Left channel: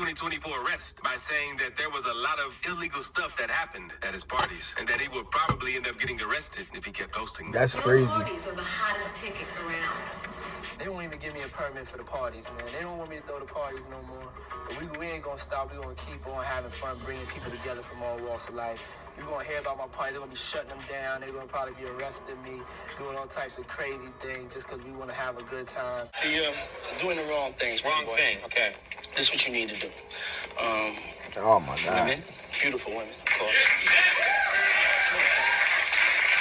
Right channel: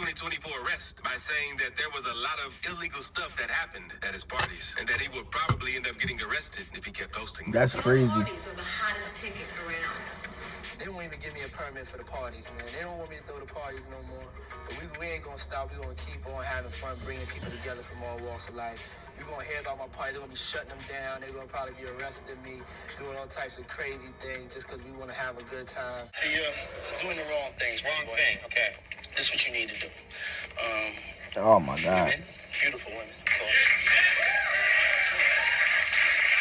2024 arrest by saying that there was a lot of illegal stuff that happened at his parties and that he would probably end up getting arrested if he kept posting. That's crazy. Parties are the hottest ticket around. They don't even give me a permit for the parties, man. They don't want me to throw the parties no more. But we ain't gonna stop. We gonna keep on having fun, bringing people together from all walks of life. You're gonna hear about my party. They're gonna be shutting them down. They're gonna probably be arresting me, doing all types of crazy things just because we want to have a good time. So you're doing the wrong things. Wrong thing. Okay. This is what you need to do. Oh my God. Women, beautiful women, of course.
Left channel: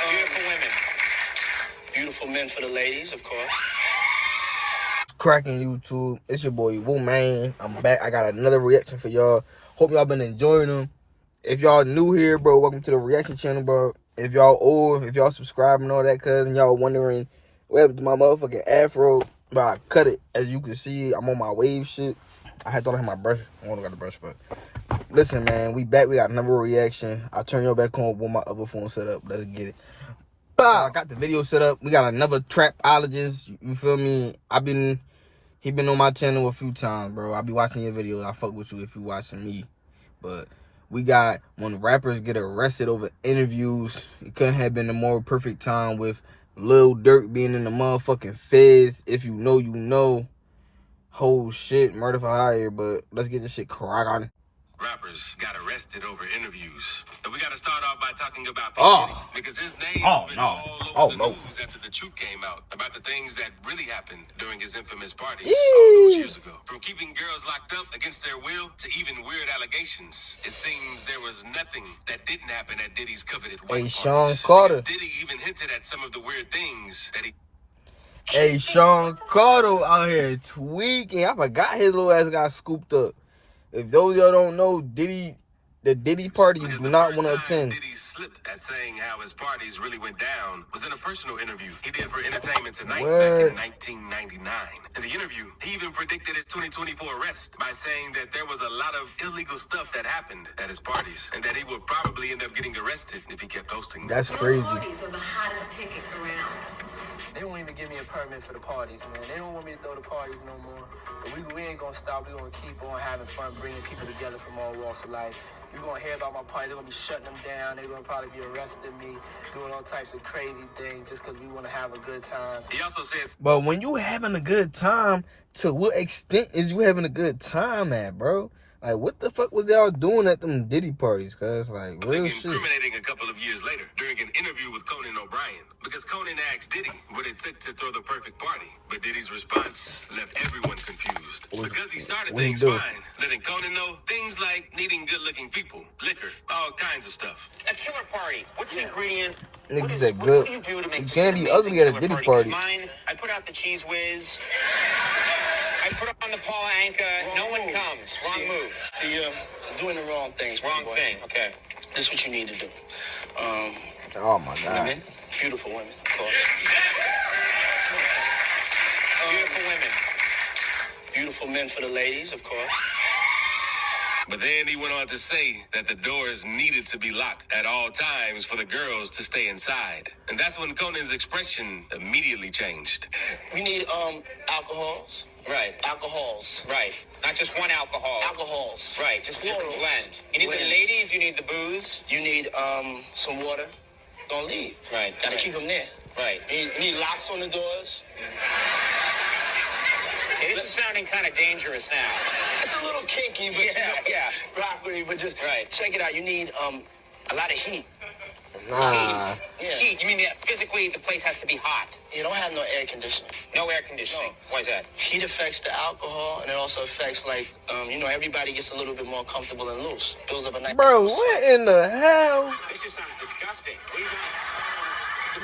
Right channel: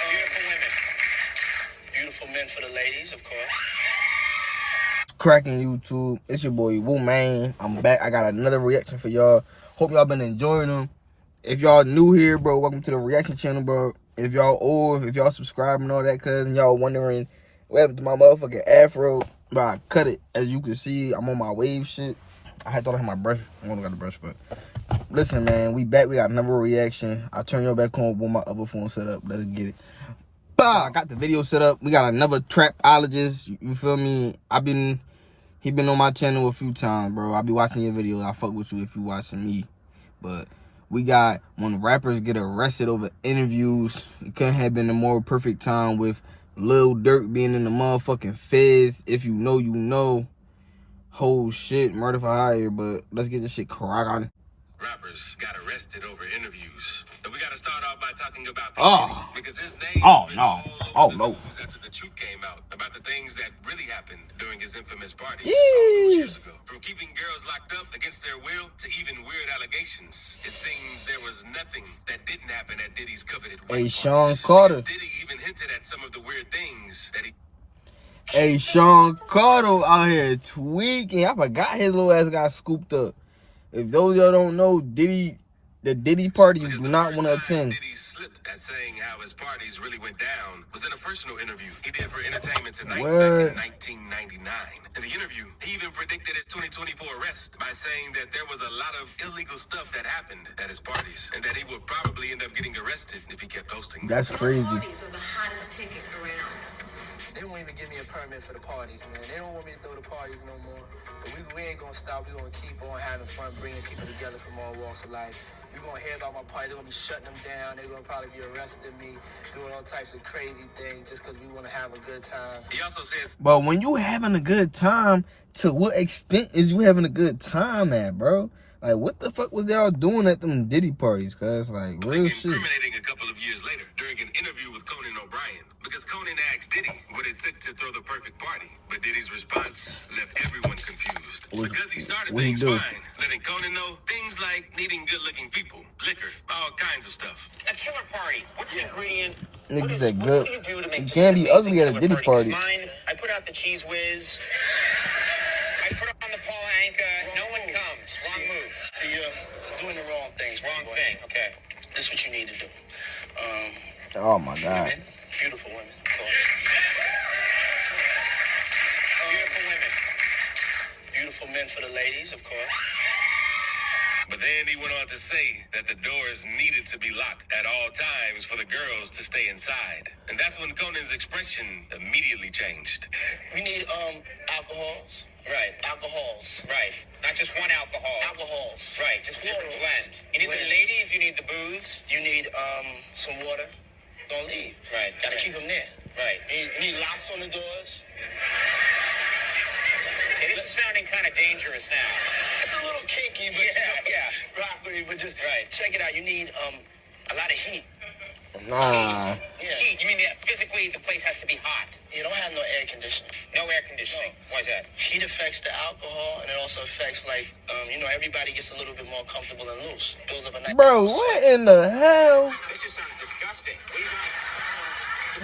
Beautiful women. Beautiful men for the ladies, of course. Cracking YouTube, it's your boy Woo Man. I'm back. I got another reaction for y'all. Hope y'all been enjoying them. If y'all new here, bro, welcome to the reaction channel, bro. If y'all old, if y'all subscribe and all that, cuz, and y'all wondering what happened to my motherfucking afro, bro, I cut it. As you can see, I'm on my wave shit. I had thought I had my brush. I don't got the brush, but listen, man, we back. We got another reaction. I'll turn y'all back on with my other phone set up. Let's get it. I got the video set up. We got another trapologist. You feel me? He been on my channel a few times, bro. I be watching your videos. I fuck with you if you watching me. But we got when rappers get arrested over interviews. It couldn't have been a more perfect time with Lil Durk being in the motherfucking feds. If you know, you know. Whole shit, murder for hire. But let's get this shit cracking. Rappers got arrested over interviews. But we got to start off by talking about because his name news after the truth came out about the things that really happened during his infamous parties all those years ago. From keeping girls locked up against their will to even weird allegations, it seems there was nothing that didn't happen at Diddy's coveted Hey, white Sean parties. Carter. Diddy even hinted at some of the weird things that he... Hey, Sean Carter out here tweaking. I forgot his little ass got scooped up. If those y'all don't know, the Diddy party you do not want to attend. Diddy slipped at saying how his parties really went down was in a personal interview he did for Entertainment Tonight back in 1999. In the interview, he even predicted his 2024 arrest by saying that there was a lot of illegal stuff that happened at his parties and that he would probably end up getting arrested if he kept posting. That's crazy. Parties are the hottest ticket around. They don't even give me a permit for the parties, man. They don't want me to throw the parties no more. But we ain't gonna stop. We gonna keep on having fun, bringing people together from all walks of life. You're gonna hear about my party. They're gonna be shutting them down. They're gonna probably be arresting me, doing all types of crazy things just because we want to have a good time. He also says, but when you having a good time, to what extent is you having a good time at, bro? Like, what the fuck was y'all doing at them Diddy parties, cuz? Like, real shit. Incriminating a couple of years later during an interview with Conan O'Brien, because Conan asked Diddy what it took to throw the perfect party. But Diddy's response left everyone confused. Because he started things fine, letting Conan know things like needing good-looking people, liquor, all kinds of stuff. A killer party. What's the ingredient? Niggas that good. What do you do to make You can't be ugly at a Diddy party. Mine, I put out the cheese whiz. I put on the Paula Anka. No one comes. Wrong move. So you're doing the wrong things. Wrong thing. Okay. This is what you need to do. Oh my God. Women, beautiful women, of course. Beautiful women. Beautiful men for the ladies, of course. But then he went on to say that the doors needed to be locked at all times for the girls to stay inside. And that's when Conan's expression immediately changed. We need alcohols. Right. Alcohols. Right. Not just one alcohol. Alcohols. Right. Just different blend. You need the ladies. You need the booze. You need some water. Don't leave. Right. Gotta keep them there. Right. You need locks on the doors. Hey, this is sounding kind of dangerous now. It's a little kinky, but broccoli, but just check it out. You need a lot of heat. Nah. Yeah. Heat. You mean that physically the place has to be hot? You don't have no air conditioning. No air conditioning. No. Why is that? Heat affects the alcohol, and it also affects, like, everybody gets a little bit more comfortable and loose. Builds up a nice... Bro, what in the hell? It just sounds disgusting.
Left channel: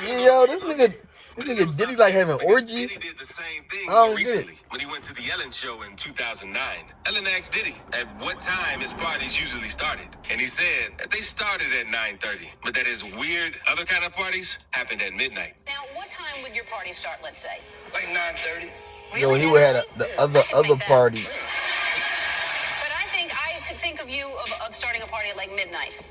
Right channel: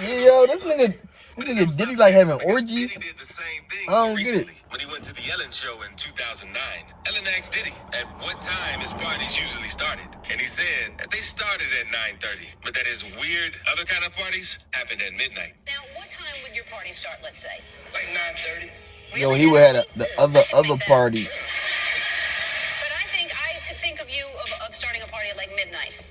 Yo, this nigga Diddy like having orgies? Diddy did the same thing I don't get it. when he went to the Ellen show in 2009. Ellen asked Diddy at what time his parties usually started. And he said that they started at 9:30, but that his weird other kind of parties happened at midnight. Now, what time would your party start, let's say? Like 9:30. Yo, he would have the other party. But I could think of you of starting a party at like midnight.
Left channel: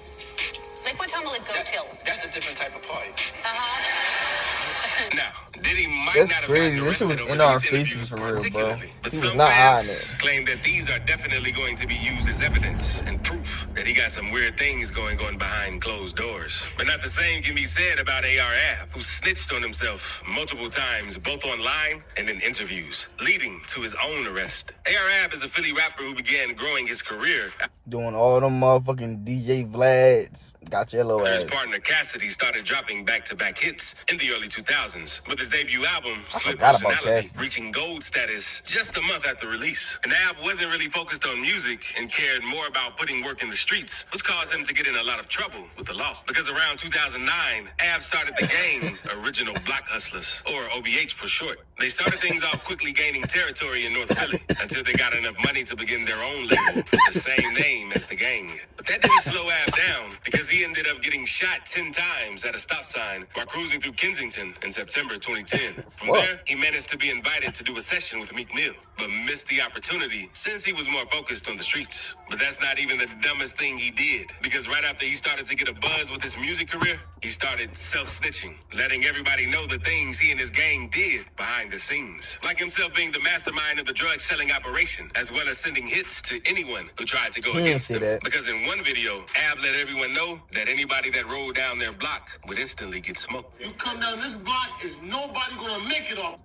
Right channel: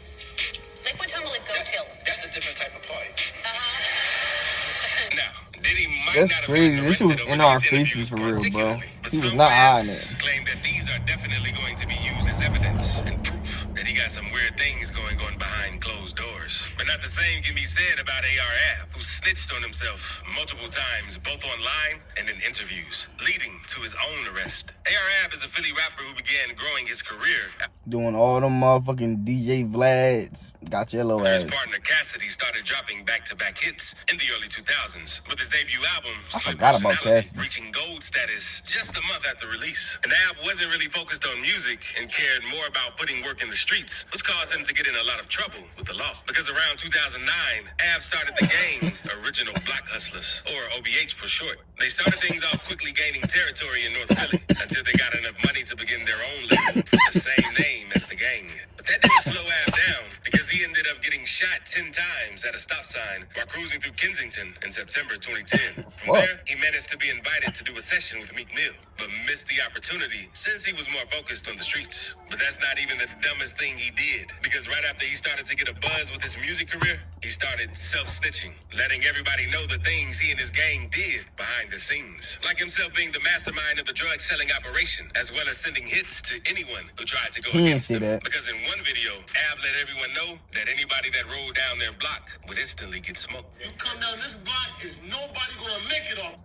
Like, what time will it go till? That's a different type of party. Uh-huh. Now, Diddy might That's not have crazy. gotten This shit was arrested in over our these faces interviews for real, bro. particularly, but He was some not hiding fans it. claim that these are definitely going to be used as evidence and proof that he got some weird things going on behind closed doors. But not the same can be said about AR-Ab, who snitched on himself multiple times, both online and in interviews, leading to his own arrest. AR-Ab is a Philly rapper who began growing his career Doing all them motherfucking DJ Vlads. Got your little his ass. partner Cassidy started dropping back-to-back hits in the early 2000s, with his debut album, I Split forgot about Personality, Cassidy. reaching gold status just a month after release. And Ab wasn't really focused on music and cared more about putting work in the streets, which caused him to get in a lot of trouble with the law. Because around 2009, Ab started the gang Original Block Hustlers, or OBH for short. They started things off quickly gaining territory in North Philly until they got enough money to begin their own label, the same name as the gang. But that didn't slow Ab down because he ended up getting shot 10 times at a stop sign while cruising through Kensington in September 2010. From there, he managed to be invited to do a session with Meek Mill, but missed the opportunity since he was more focused on the streets. But that's not even the dumbest thing he did, because right after he started to get a buzz with his music career, he started self-snitching, letting everybody know the things he and his gang did behind the scenes. Like himself being the mastermind of the drug-selling operation, as well as sending hits to anyone who tried to go He didn't against say him. that. Because in one video, Ab let everyone know that anybody that rolled down their block would instantly get smoked. You come down this block, is nobody gonna make it off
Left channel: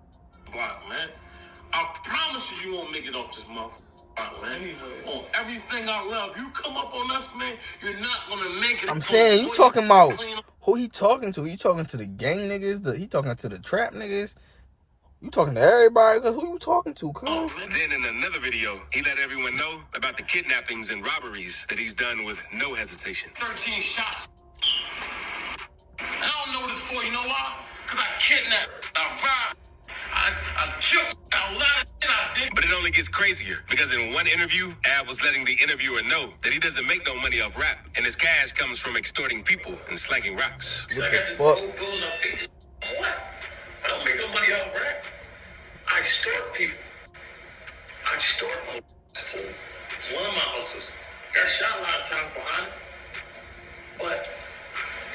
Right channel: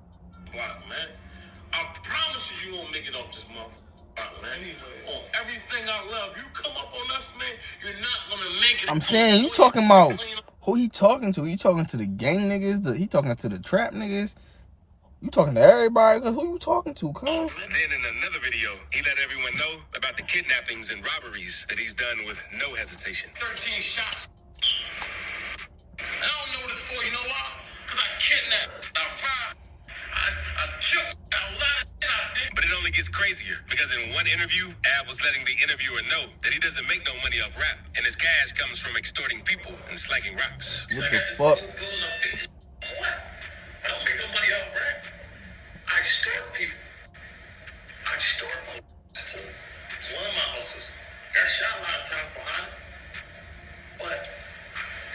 block, man. I promise you won't make it off this motherfucker, man. On everything I love, you come up on us, man, you're not gonna make it. I'm saying, you talking about who he talking to? He talking to the gang niggas? He talking to the trap niggas? You talking to everybody? Because who you talking to, cuz? Then in another video, he let everyone know about the kidnappings and robberies that he's done with no hesitation. 13 shots. I don't know what it's for, you know why? Because I kidnapped, I robbed, I killed, a lot of shit I did. But it only gets crazier, because in one interview, Ab was letting the interviewer know that he doesn't make no money off rap, and his cash comes from extorting people and slanging rocks. What the fuck? I don't make no money off rap. I extort people. I extort people. It's one of my hustles. Got shot a lot of times behind it. But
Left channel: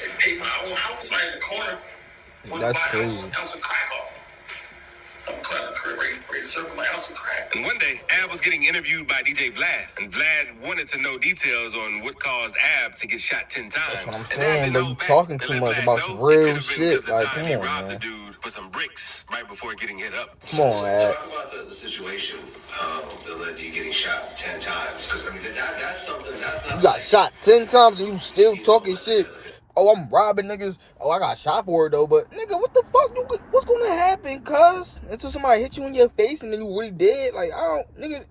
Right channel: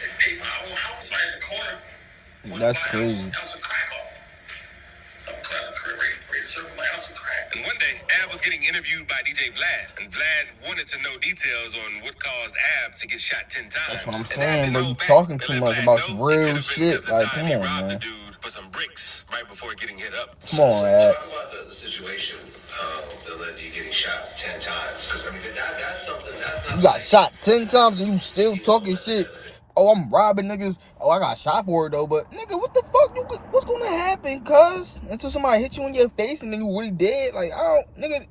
they paid my own house right in the corner. That's crazy. House of crack off. Some crack, right circle my house of crack. And one day, Ab was getting interviewed by DJ Vlad, and Vlad wanted to know details on what caused Ab to get shot 10 times. That's what I'm And saying, Ab bro. didn't You know back talking and too let much Vlad about know some it real could've been shit. because the Like, time come he on, robbed man. the dude for some bricks right before getting hit up. Come on, Ab. Talk about the situation that led to you getting shot 10 times. Because, I mean, that's something that's not. You got shot 10 times and you still talking shit. Oh, I'm robbing niggas. Oh, I got shot for it though. But nigga, what the fuck? What's gonna happen, cuz? Until somebody hit you in your face and then you really dead. Like, I don't, nigga.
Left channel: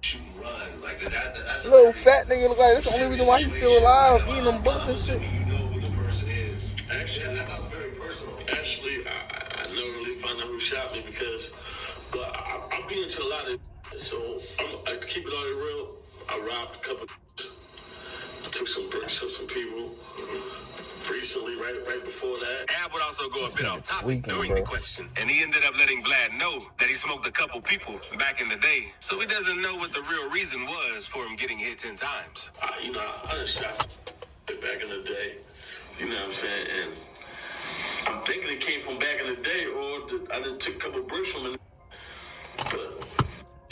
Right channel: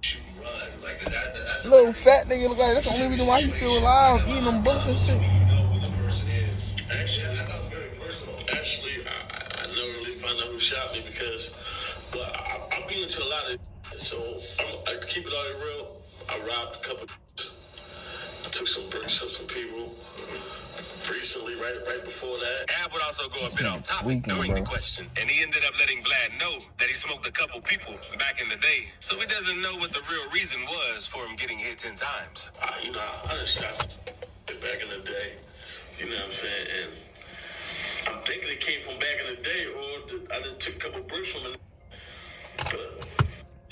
Shoot and run. Like, that's Little fat nigga look like that's the only reason why he's still alive, eating them bullets and shit. You know who the person is. Actually, that sounds very personal. Actually, I never really found out who shot me because, but I've been into a lot of, so I keep it all real. I robbed a couple. I took some bricks from some people. Recently, right before that. Ab would also go a bit off topic Tweaking, during the bro. question, and he ended up letting Vlad know that he smoked a couple people back in the day, so he doesn't know what the real reason was for him getting hit 10 times. I done shot back in the day. You know what I'm saying? And I'm thinking it came from back in the day, or I just took a couple bricks from it. But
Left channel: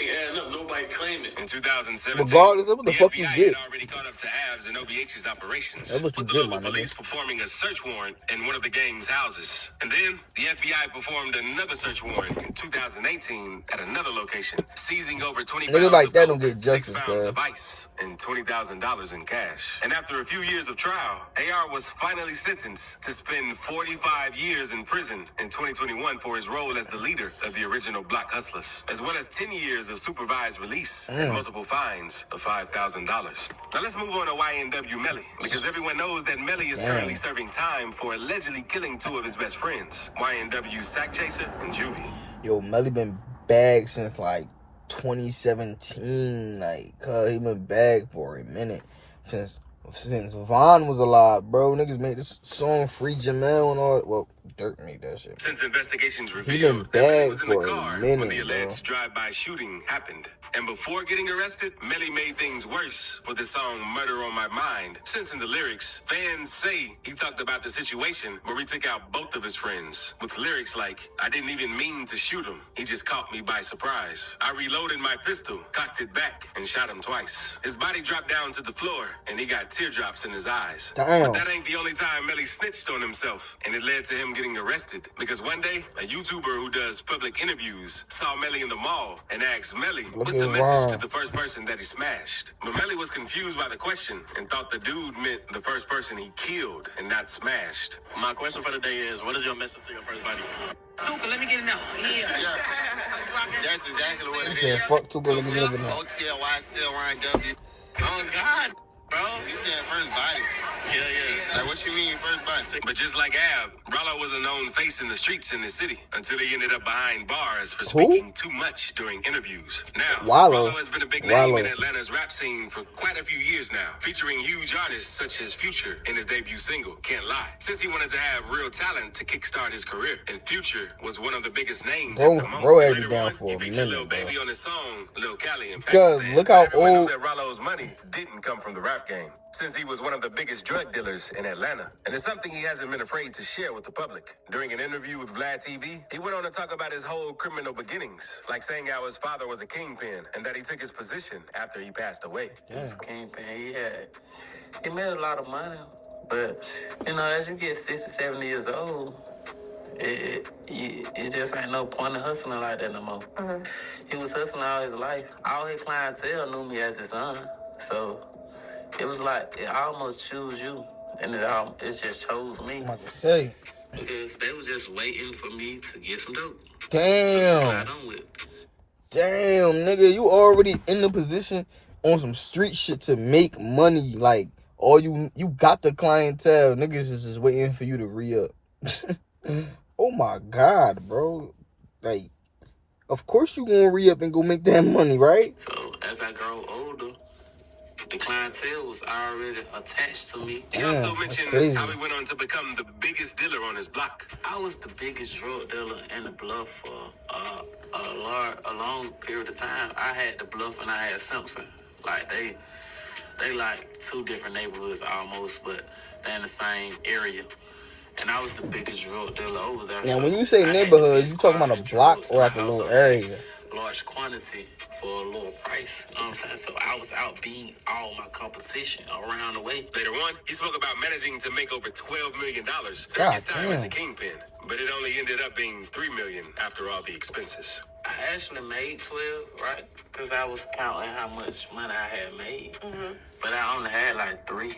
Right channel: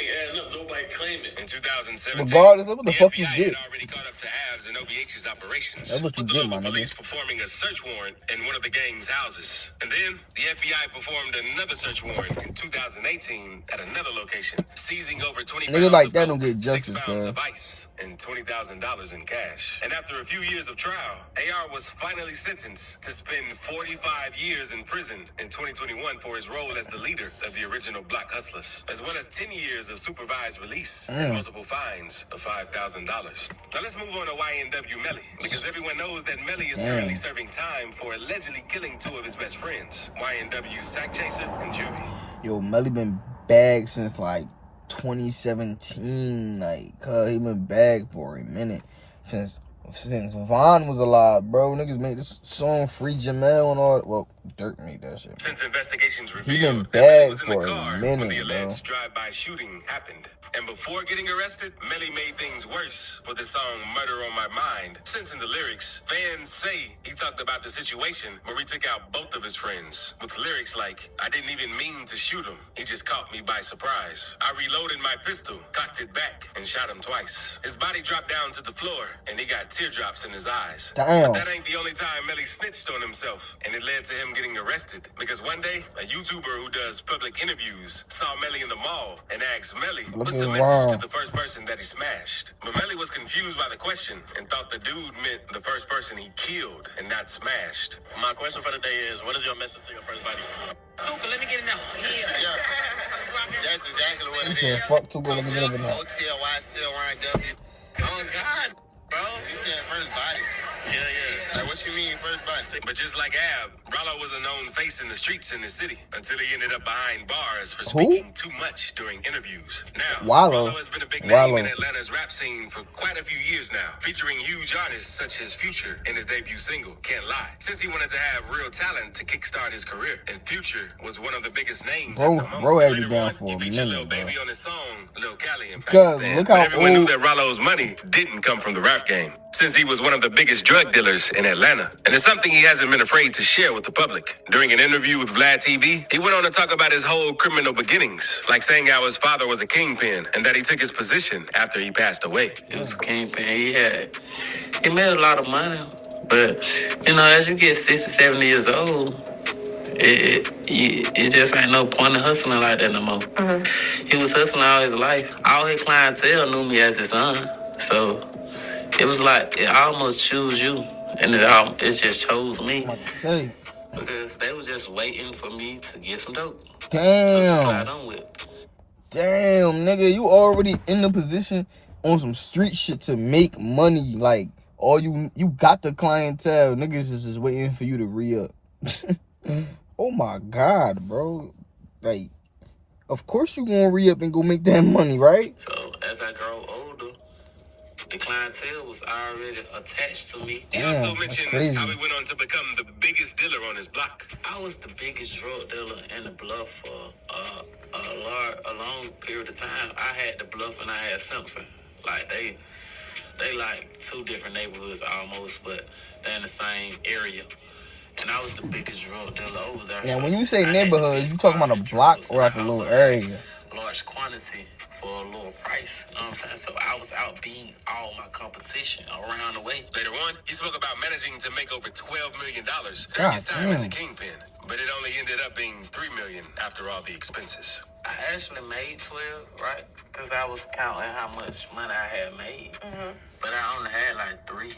adding up, nobody claimed it. In 2017, Regardless of what the fuck you FBI get. had already caught up to Ab's and OBH's operations. That's what you with get, the my local nigga. police performing a search warrant in one of the gang's houses. And then the FBI performed another search warrant in 2018 at another location, seizing over 20 Niggas pounds like of that coke, don't get 6 justice, pounds cuz. of ice, and $20,000 in cash. And after a few years of trial, AR was finally sentenced to spend 45 years in prison in 2021 for his role as the leader of the Original Block Hustlers, as well as 10 years of supervised release and multiple fines of $5,000. Now let's move on to YNW Melly, because everyone knows that Melly is currently serving time for allegedly killing two of his best friends, YNW Sack Chaser and Juvie. Yo, Melly been bagged since like 2017. Like, cuz he been bagged for a minute. Since Vaughn was alive, bro. Niggas made this song Free Jamel and all. Well, Dirk made that shit. Since investigations He revealed been that Melly bad was in the for a car when minute, the bro. alleged drive-by shooting happened. And before getting arrested, Melly made things worse with the song Murder on My Mind. Since in the lyrics, fans say he talked about the situation where he took out both of his friends. With lyrics like, I didn't even mean to shoot him. He just caught me by surprise. I reloaded my pistol, cocked it back, and shot him twice. His body dropped down to the floor, and he got teardrops in his eyes. Damn. But that ain't the only time Melly snitched on himself, and it led to him getting arrested. Because one day, a YouTuber who does public interviews saw Melly in the mall and asked Melly, what's a message to the first person that he smashed? But Melly was confused by the question and thought the dude meant the first person he killed and not smashed. My question for the day is, what is your message to your first body? Tuka, let me get it now. Yeah. That's exactly what He it said, is. fuck Tuka, let me get up in there. OTLYCLYW. Oh, God, bro. You said first body. Yeah. Like, what you mean first body? But just like Ab, Rollo was a known face in the streets in the city until he ended up behind bars for Who? speaking too much during interviews. Now, Rollo. Rollo has been a big name Rollo. in Atlanta's rap scene for quite a few years now, featuring huge artists such as Future in his debut single, Can't Lie. Since he wanted to have real talent to kickstart his career, and Future was one of the biggest names Bro- at the moment. bro had to be Later down on, for he a featured minute, Lil bro. Baby on his song, Lil Cali in Cause Pakistan. look how But everyone old- knew that Rollo's money didn't come from the rap game, since he was one of the biggest drug dealers in Atlanta. And it's something he hasn't been afraid to share with the public. During an interview with Vlad TV, he went on to talk about his whole criminal beginnings, like saying how his father was a kingpin and that he took his position after he passed away. He was a kingpin. He made a lot of money. But, you know, as you get 60, 70 years old, it just ain't no point in hustling like that no more. He was hustling all his life. All his clientele knew me as his son. So it was like, it almost chose you. And it just chose me. I'm about to say. Because they was just waiting for me to get some dope. So Damn. supply them with. Damn, nigga. You already in the position on some street shit to make money. Like, all you got the clientele. Niggas is just waiting for you to re-up. Oh my God, bro. Like, of course you gonna re-up and go make that money, right? So as I grow older, the clientele was already attached to me. He Damn, also that's mentioned crazy. how he went on to become the biggest dealer on his block. I was the biggest drug dealer in the Bluff for a long period of time. I had the Bluff and I had Simpson. Like they like two different neighborhoods almost, but they're in the same area. And I was the biggest drug dealer over there. Now, so when you say I had neighborhoods, the you talking about a best block drugs or in like my a house. little So I had area? large quantity for a lower price. You know what I'm saying? So I was out beating all my competition around the way. Later on, he spoke about managing to make over $12 million during God his time as a damn. kingpin, but it only ended up being $3 million after all the expenses. I actually made 12, right? Because I was counting how much money I had made. But I only had like 3.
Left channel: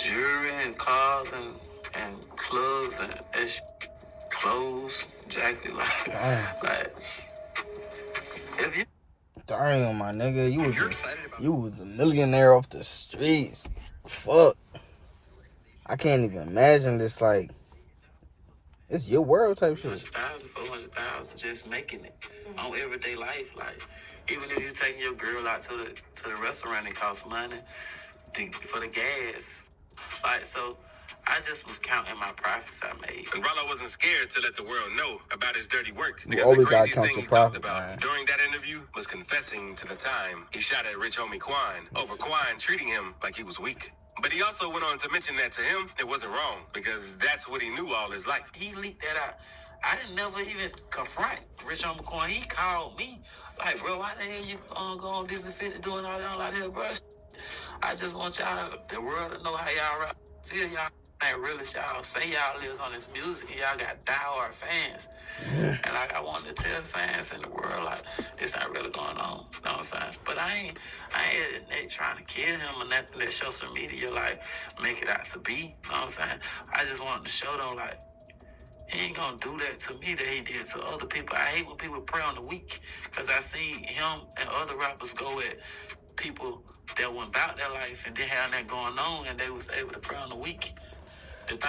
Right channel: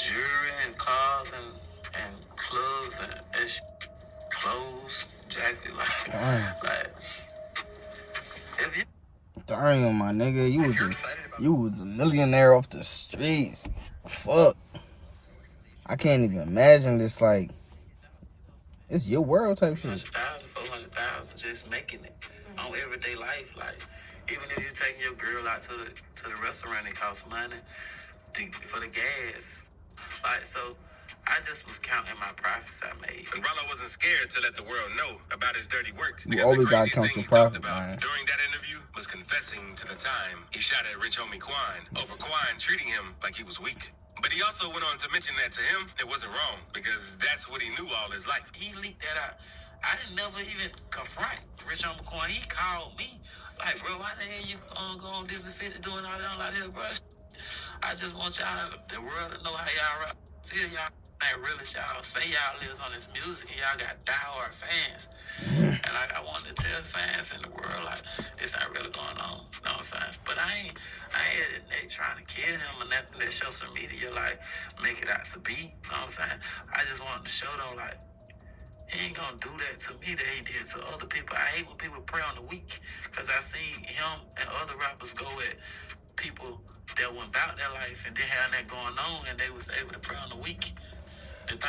Jewelry and cars and clubs and clothes, jacket, Damn. like if you Damn, my nigga. You was a millionaire off the streets. Fuck. I can't even imagine this, like, it's your world type shit. 300,000, 400,000, just making it on everyday life. Like even if you taking your girl out to the restaurant, it costs money for the gas. Like so, I just was counting my profits I made. And Rollo wasn't scared to let the world know about his dirty work. You because always the gotta craziest count thing your he talked profit, about man. during that interview was confessing to the time he shot at rich homie Quan over Quan treating him like he was weak. But he also went on to mention that to him, it wasn't wrong because that's what he knew all his life. He leaked that out. I didn't never even confront Rich Homie Quan. He called me like, bro, why the hell you go on Disney 50 doing all that on like that, bro? I just want y'all, the world, to know how y'all rap. See y'all ain't really y'all say y'all lives on this music and y'all got diehard fans. And like I wanted to tell the fans in the world like this ain't really going on. You know what I'm saying? But I ain't trying to kill him or nothing that social media like make it out to be. You know what I'm saying? I just wanted to show them like he ain't gonna do that to me that he did to other people. I hate when people prey on the weak because I seen him and other rappers go at people that went about their life and didn't have that going on and they was able to prey on the weak.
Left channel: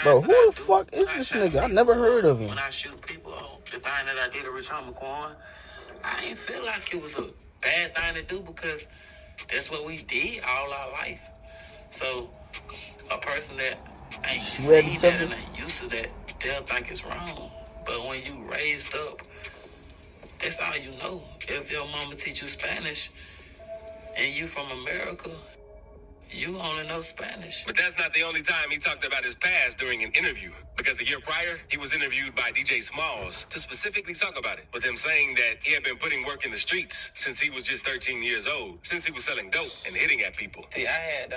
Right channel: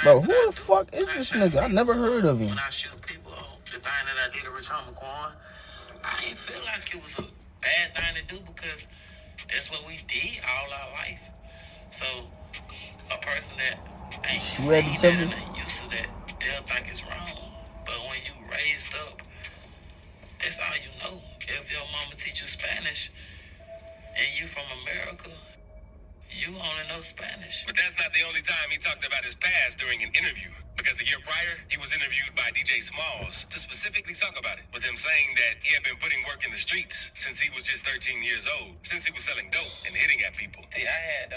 Bro, who the fuck is this nigga? I never heard of him. When I shoot people, the thing that I did to Rich Homie Quan, I ain't feel like it was a bad thing to do because that's what we did all our life. So a person that I ain't shoot at seen each that other. and ain't used to that. They'll think it's wrong. But when you raised up, that's all you know. If your mama teach you Spanish and you from America, you only know Spanish. But that's not the only time he talked about his past during an interview. Because a year prior, he was interviewed by DJ Smalls to specifically talk about it, with him saying that he had been putting work in the streets since he was just 13 years old, since he was selling dope and hitting at people. See, I had,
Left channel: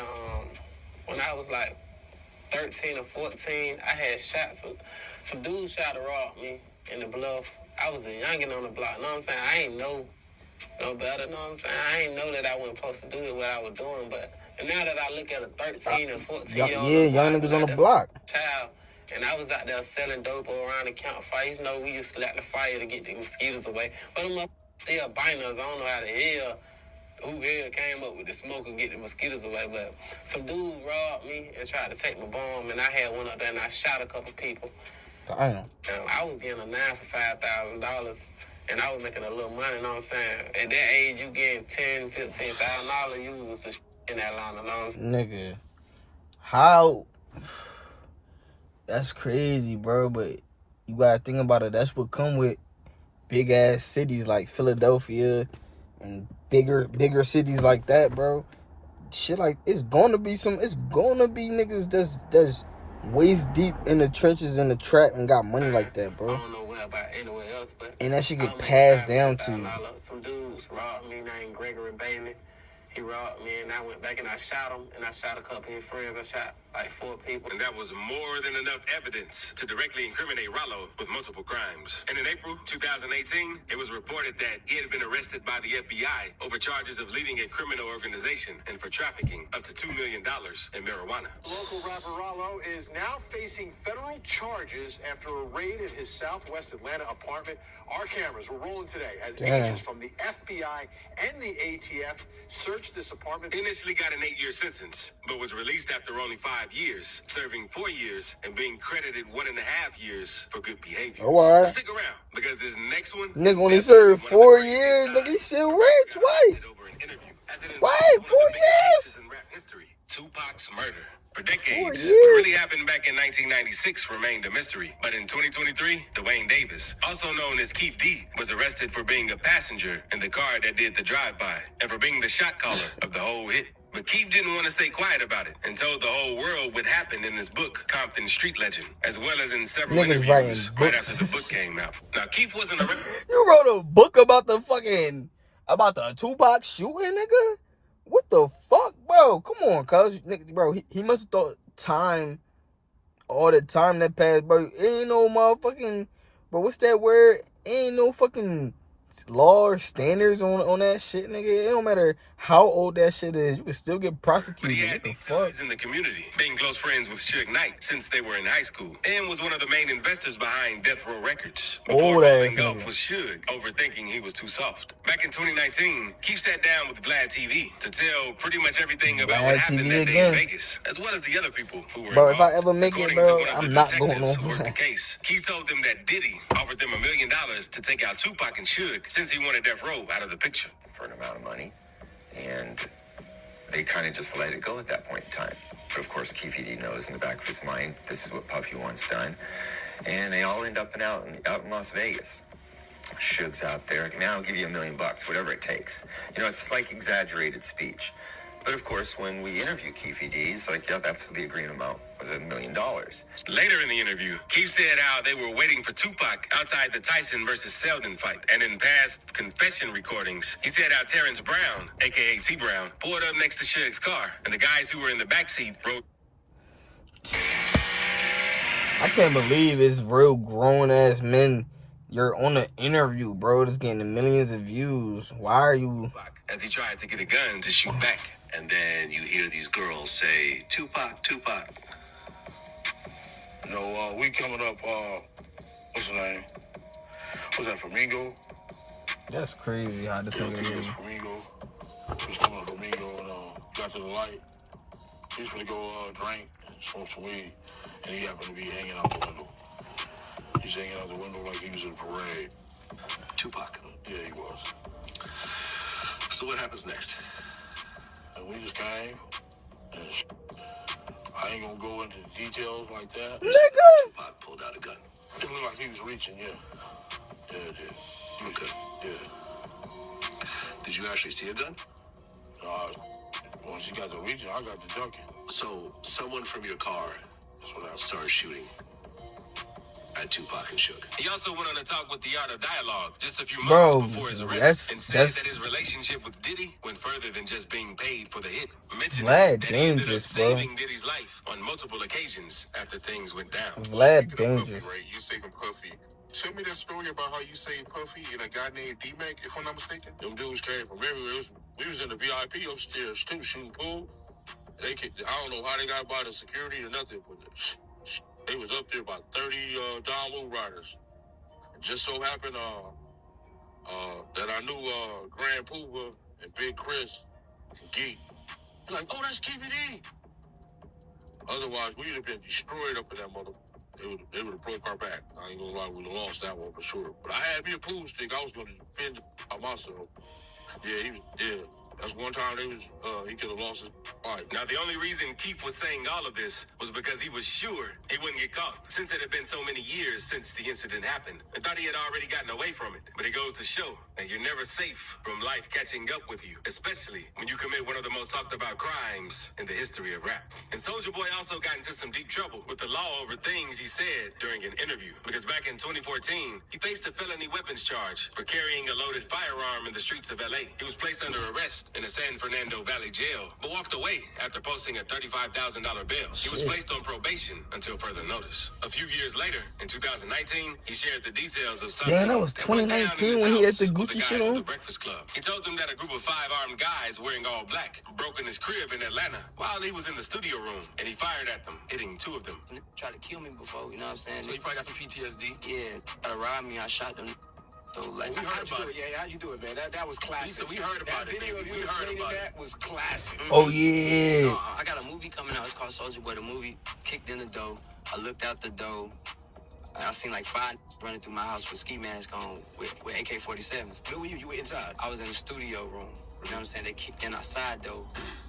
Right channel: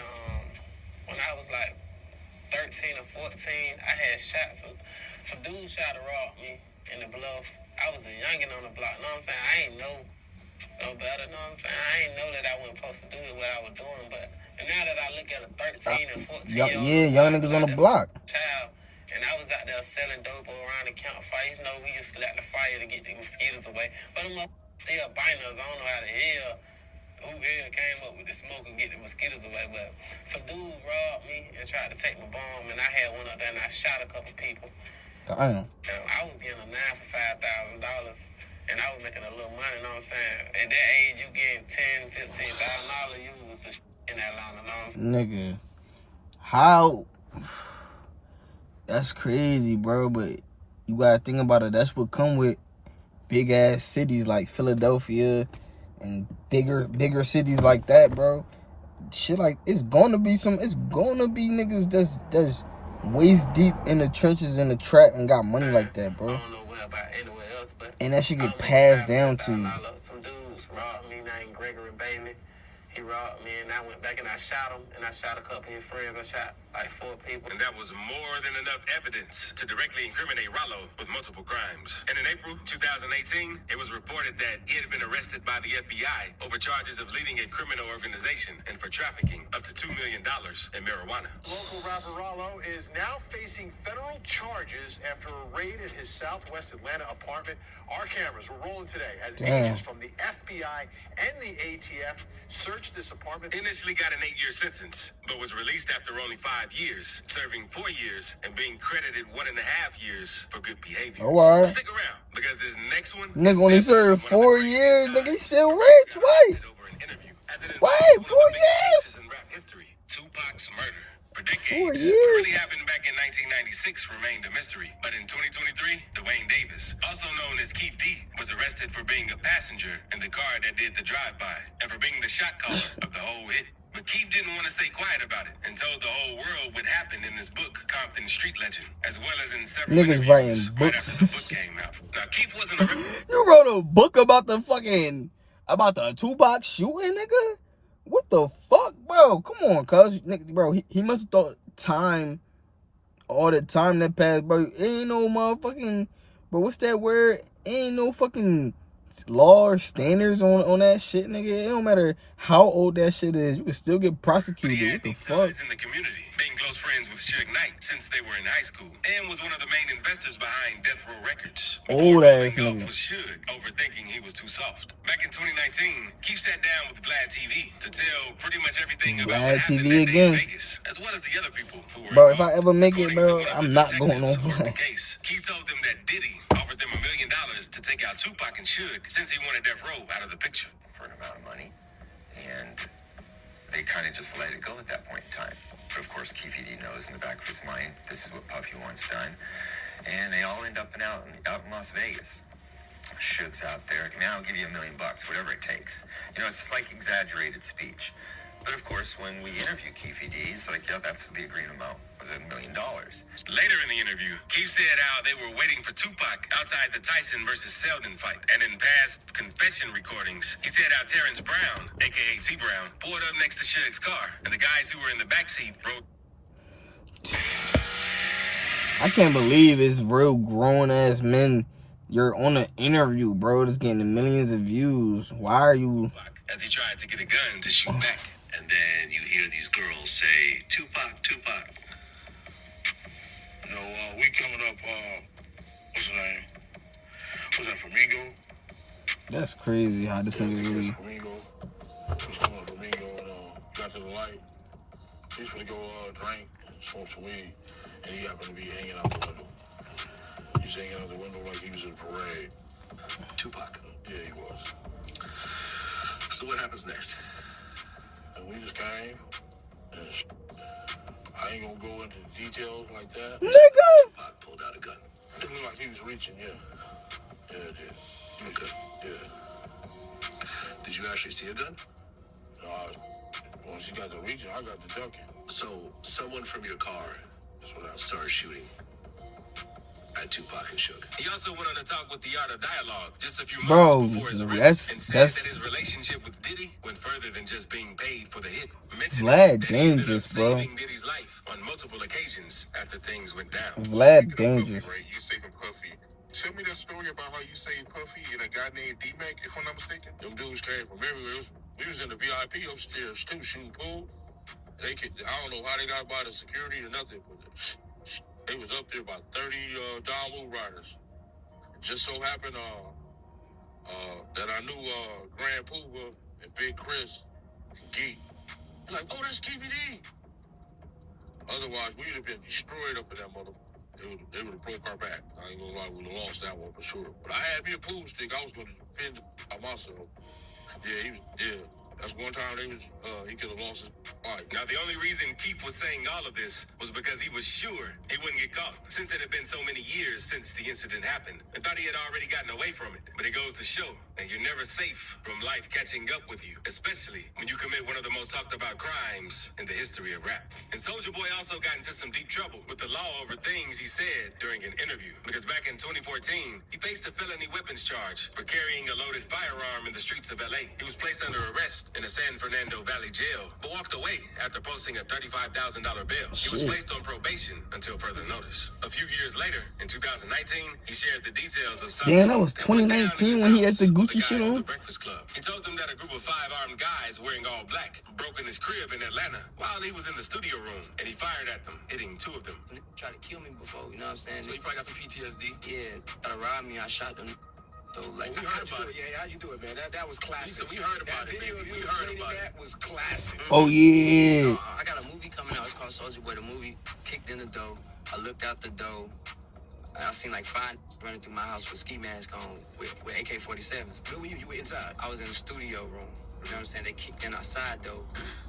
when I was like 13 or 14, I had shot some dudes tried to rob me in the bluff. I was a youngin' on the block, know what I'm saying? I ain't know no better, know what I'm saying? I ain't know that I wasn't supposed to do what I was doing, but and now that I look at a 13 and 14 young niggas on the block. Child, and I was out there selling dope around the campfire. You know, we used to light the fire to get the mosquitoes away. But them still biting us. I don't know how the hell, who hell came up with the smoke and get the mosquitoes away. But some dudes robbed me and tried to take my bomb, and I had one up there and I shot a couple people. Damn. I was getting a 9 for $5,000. And I was making a little money, you know what I'm saying? At that age, you getting $10,000, $15,000, you was just in Atlanta, you know what I'm saying? Nigga, how? That's crazy, bro. But you gotta think about it. That's what come with big ass cities like Philadelphia and bigger cities like that, bro. Shit like it's gonna be niggas that's waist deep in the trenches in the trap and got money like that, bro. I don't know where about anywhere else, but and that shit get passed down to you. Some dudes robbed me named Gregory Bailey. He robbed me, and I went back and I shot him, and I shot a couple of his friends. I shot like 4 people. And that was more than enough evidence to directly incriminate Rollo with multiple crimes. And in April 2018, it was reported that he had been arrested by the FBI over charges of leading a criminal organization and for trafficking up to $2 million in marijuana. Local rapper Rollo is now facing federal charges after a raid at his Southwest Atlanta apartment. Our cameras were rolling today as agents from the FBI and the ATF searched this apartment. He initially got an 8-year sentence, but was released after only 5 years, serving 4 years and being credited 1.5 years for good behavior. Oh, all right. Stick around, because this next one... Nigga only served 4 years, nigga, he's still rich, wait! Wait, 4 years? In rap history, Tupac's murder. For decades, 4 years? What really happened back in 1996 remained a mystery. But in 2023, Dwayne Davis, also known as Keith D, was arrested for being a passenger in the car that did the drive-by and for being the shot caller of the whole hit. But Keith didn't want to stay quiet about it and told the whole world what happened in his book, Compton Street Legend, as well as in several niggas interviews writing right books. after the book came out. Now, Keith wasn't a... You wrote a book about the Tupac shooting, nigga? What the fuck, bro? Come on, cuz. Bro, he must have thought all the time that passed, bro. Ain't no motherfucking... Bro, what's that word? Ain't no fucking law or standards on that shit, nigga. It don't matter how old that shit is. You can still get prosecuted. What the fuck? In the community, being close friends with Suge Knight since they were in high school, and was one of the main investors behind Death Row Records. Old ass nigga. Was Suge, overthinking he was too soft. Back in 2019, Keith sat down with Vlad TV to tell pretty much everything about what happened TV that day again. in Vegas, as well as the other people who were Bro, involved. if I ever make it, bro, I'm not going on Vlad. Keith told them that Diddy offered them $1 million to take out Tupac and Suge since he wanted Death Row out of the picture. For an amount of money, and they kind of just let it go at that point in time. But of course, Keefe D knows in the back of his mind, this is what Puffy wants done. And they all end up out in Las Vegas. Suge's out there. Man, I'll give you $1 million, whatever it takes. You know, it's like exaggerated speech. But of course, when we interview Keefe D, he's like, yeah, that's the agreed amount, was $1 million. Later in the interview, Keith said how they were waiting for Tupac outside the Tyson versus Selden fight. And in past confession recordings, he said how Terrence Brown, a.k.a. T Brown, pulled up next to Suge's car. And the guys who were in the backseat wrote... I can't believe it's real grown-ass men. You're on an interview, bro. That's getting millions of views. Why are you... As he tried to get a gun to shoot back. And then you hear these girls say, Tupac, Tupac. You know, we coming up, what's the name? What's that, Flamingo? That's crazy how this nigga really... Flamingo. He's coming up Flamingo and got to the light. He's gonna go drink and smoke some weed. And he happened to be hanging out the window. He's hanging out the window like he was in a parade. Tupac. Yeah, he was. So what happens next? And we just came, and I ain't gonna go into details like that. Nigga! Tupac pulled out a gun. It looked like he was reaching, yeah. Yeah, it did. Okay. Yeah. Did you actually see a gun? Once you got the reaching, I got the ducking. So, someone from your car started shooting at Tupac and Suge. He also went on to talk with the Art of Dialogue just a few months before his arrest and said that his relationship with Diddy went further than just being paid for the hit. Vlad dangerous, bro. Saving Diddy's life on multiple occasions after things went down. Vlad dangerous. Right, you saving Puffy. Tell me that story about how you saved Puffy and a guy named D-Mac, if I'm not mistaken. Them dudes came from everywhere. We was in the VIP upstairs too, shooting pool. I don't know how they got by the security or nothing, but they was up there about 30 download riders. It just so happened that I knew Grand Pooba and Big Chris and Geek. Like, oh, that's KVD. Otherwise, we would have been destroyed up in that mother. They would have broke our back. I ain't gonna lie, we would have lost that one for sure. But I had me a pool stick. I was gonna defend myself. Yeah. That's one time he could have lost his fight. Now, the only reason Keith was saying all of this was because he was sure he wouldn't get caught. Since it had been so many years since the incident happened, I thought he had already gotten away from it. But it goes to show that you're never safe from life catching up with you, especially when you commit one of the most talked about crimes in the history of rap. And Soulja Boy also got into some deep trouble with the law over things he said during an interview. Because back in 2014, he faced a felony weapons charge for carrying a loaded firearm in the streets of LA. He was placed under arrest in the San Fernando Valley jail, but walked away after posting a $35,000 bail. He was placed on probation until further notice. A few years later, in 2019, he shared the details of something. Damn, that was 2019 when he had the Gucci shit on. The Breakfast Club. He told them that a group of 5 armed guys wearing all black broke in his crib in Atlanta while he was in the studio room, and he fired at them, hitting 2 of them. Tried to kill me before, you know what I'm saying? So you probably got some PTSD. Yeah, tried to rob me, I shot them. So, like, We heard about it. Yeah, how you do it, man? That was classic. So we heard about it, video baby. you We heard explaining about that was classic. Oh, yeah. I got a movie coming out. It's called Soulja Boy. The movie kicked in the door. I looked out the door. And I seen like 5 running through my house with ski masks on with AK-47s. Where were you? You were inside. I was in the studio room. You know what I'm saying? They kicked in outside though,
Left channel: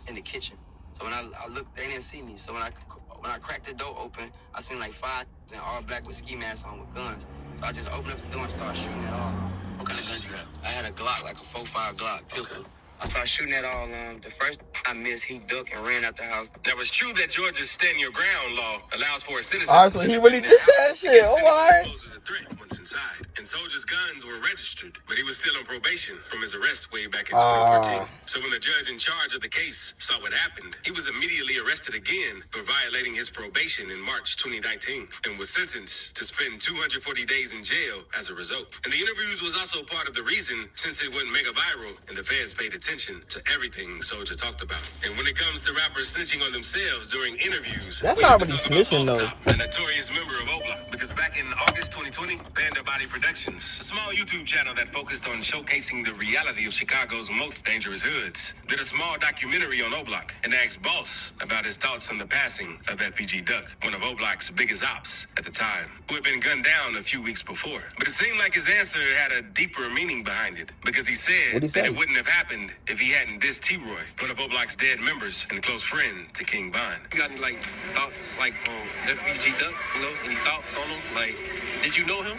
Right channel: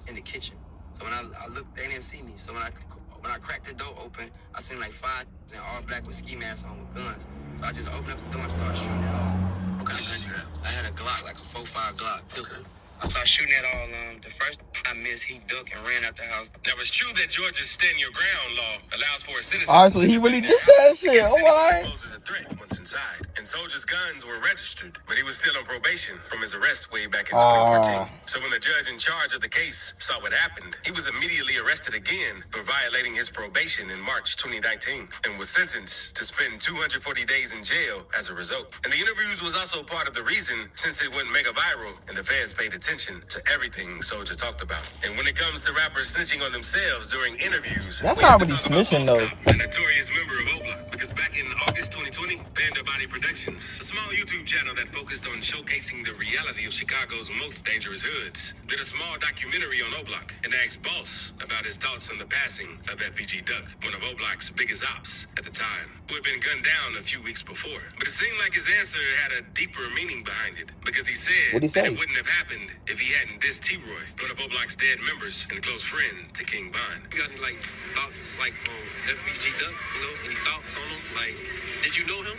in the kitchen. So when I looked, they didn't see me. So when I cracked the door open, I seen like 5 in all black with ski masks on with guns. So I just opened up the door and started shooting it off. What kind of gun you had? I had a Glock, like a 4.5 Glock. Okay. I started shooting at all. The first I missed, he ducked and ran out the house. Now, it's true that Georgia's stand your ground law allows for a citizen. All right, so he really did that shit. All right. Poses a threat once inside. And Soulja's guns were registered, but he was still on probation from his arrest way back in 2014. So when the judge in charge of the case saw what happened, he was immediately arrested again for violating his probation in March 2019 and was sentenced to spend 240 days in jail as a result. And the interviews was also part of the reason, since it went mega viral and the fans paid attention to everything Soulja talked about. And when it comes to rappers snitching on themselves during interviews, that's not really snitching though. A notorious member of Oakland, because back in August 2020, Panda Body Productions, a small YouTube channel that focused on showcasing the reality of Chicago's most dangerous hoods, did a small documentary on O-Block and asked Boss about his thoughts on the passing of FBG Duck, one of O-Block's biggest ops at the time, who had been gunned down a few weeks before. But it seemed like his answer had a deeper meaning behind it, because he said What'd he say? that it wouldn't have happened if he hadn't dissed T-Roy, one of O-Block's dead members and a close friend to King Von. You got any, like, thoughts, like, on FBG Duck, you know? Any thoughts on him? Like, did you know him?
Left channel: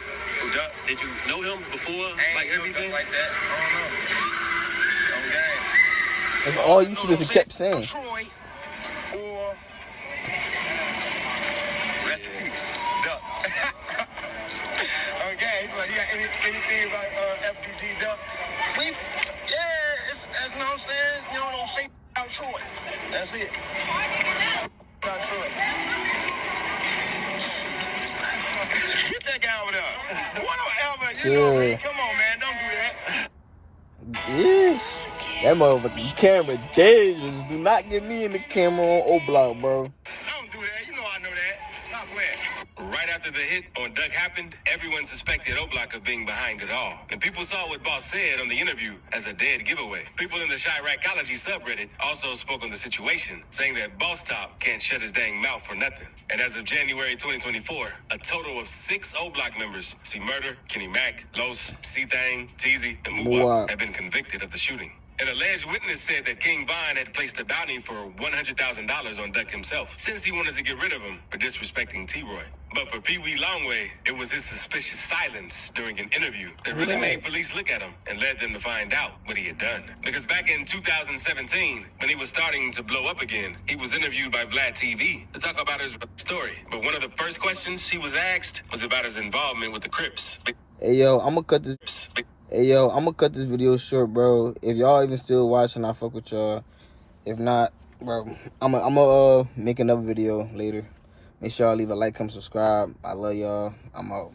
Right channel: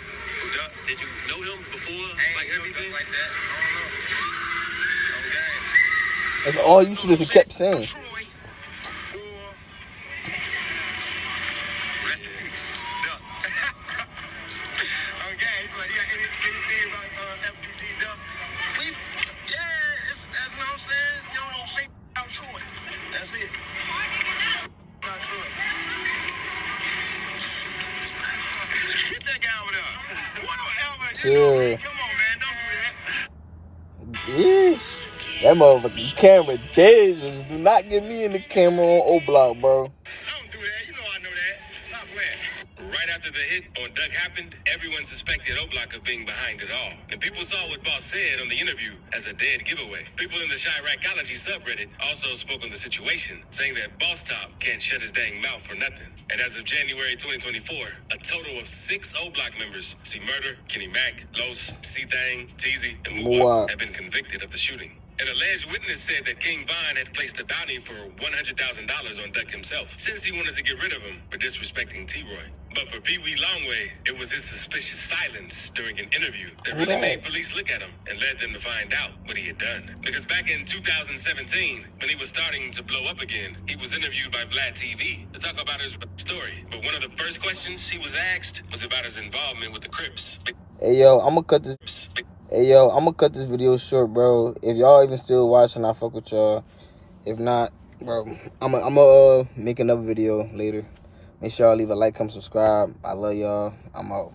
Duck? Did you know him before, like, everything? Like that? I don't know. Okay. That's all you should have kept saying. Troy or rest in peace, Duck. Okay, so you got anything about FBG Duck? It's, you know what I'm saying? You don't say about Troy. That's it. About Troy. Get that guy over there. What ever? You know me. Come on, man. Don't do that. Yeah. That motherfucking camera dangerous. Do not get me in the camera on O-Block, bro. Don't do that. You know I know that. Stop playing. Right after the hit on Duck happened, everyone suspected O-Block of being behind it all. And people saw what Boss said on the interview as a dead giveaway. People in the Chiracology subreddit also spoke on the situation, saying that Boss Top can't shut his dang mouth for nothing. And as of January 2024, a total of 6 O-Block members, C Murder, Kenny Mac, Los, C-Thang, Teezy, and Muwap, have been convicted of the shooting. An alleged witness said that King Von had placed a bounty for $100,000 on Duck himself, since he wanted to get rid of him for disrespecting T-Roy. But for Pee Wee Longway, it was his suspicious silence during an interview that really made police look at him and led them to find out what he had done. Because back in 2017, when he was starting to blow up again, he was interviewed by Vlad TV to talk about his story. But one of the first questions he was asked was about his involvement with the Crips. Hey yo, I'm gonna cut this video short, bro. If y'all even still watching, I fuck with y'all. If not, bro, I'm gonna make another video later. Make sure y'all leave a like, comment, subscribe. I love y'all. I'm out.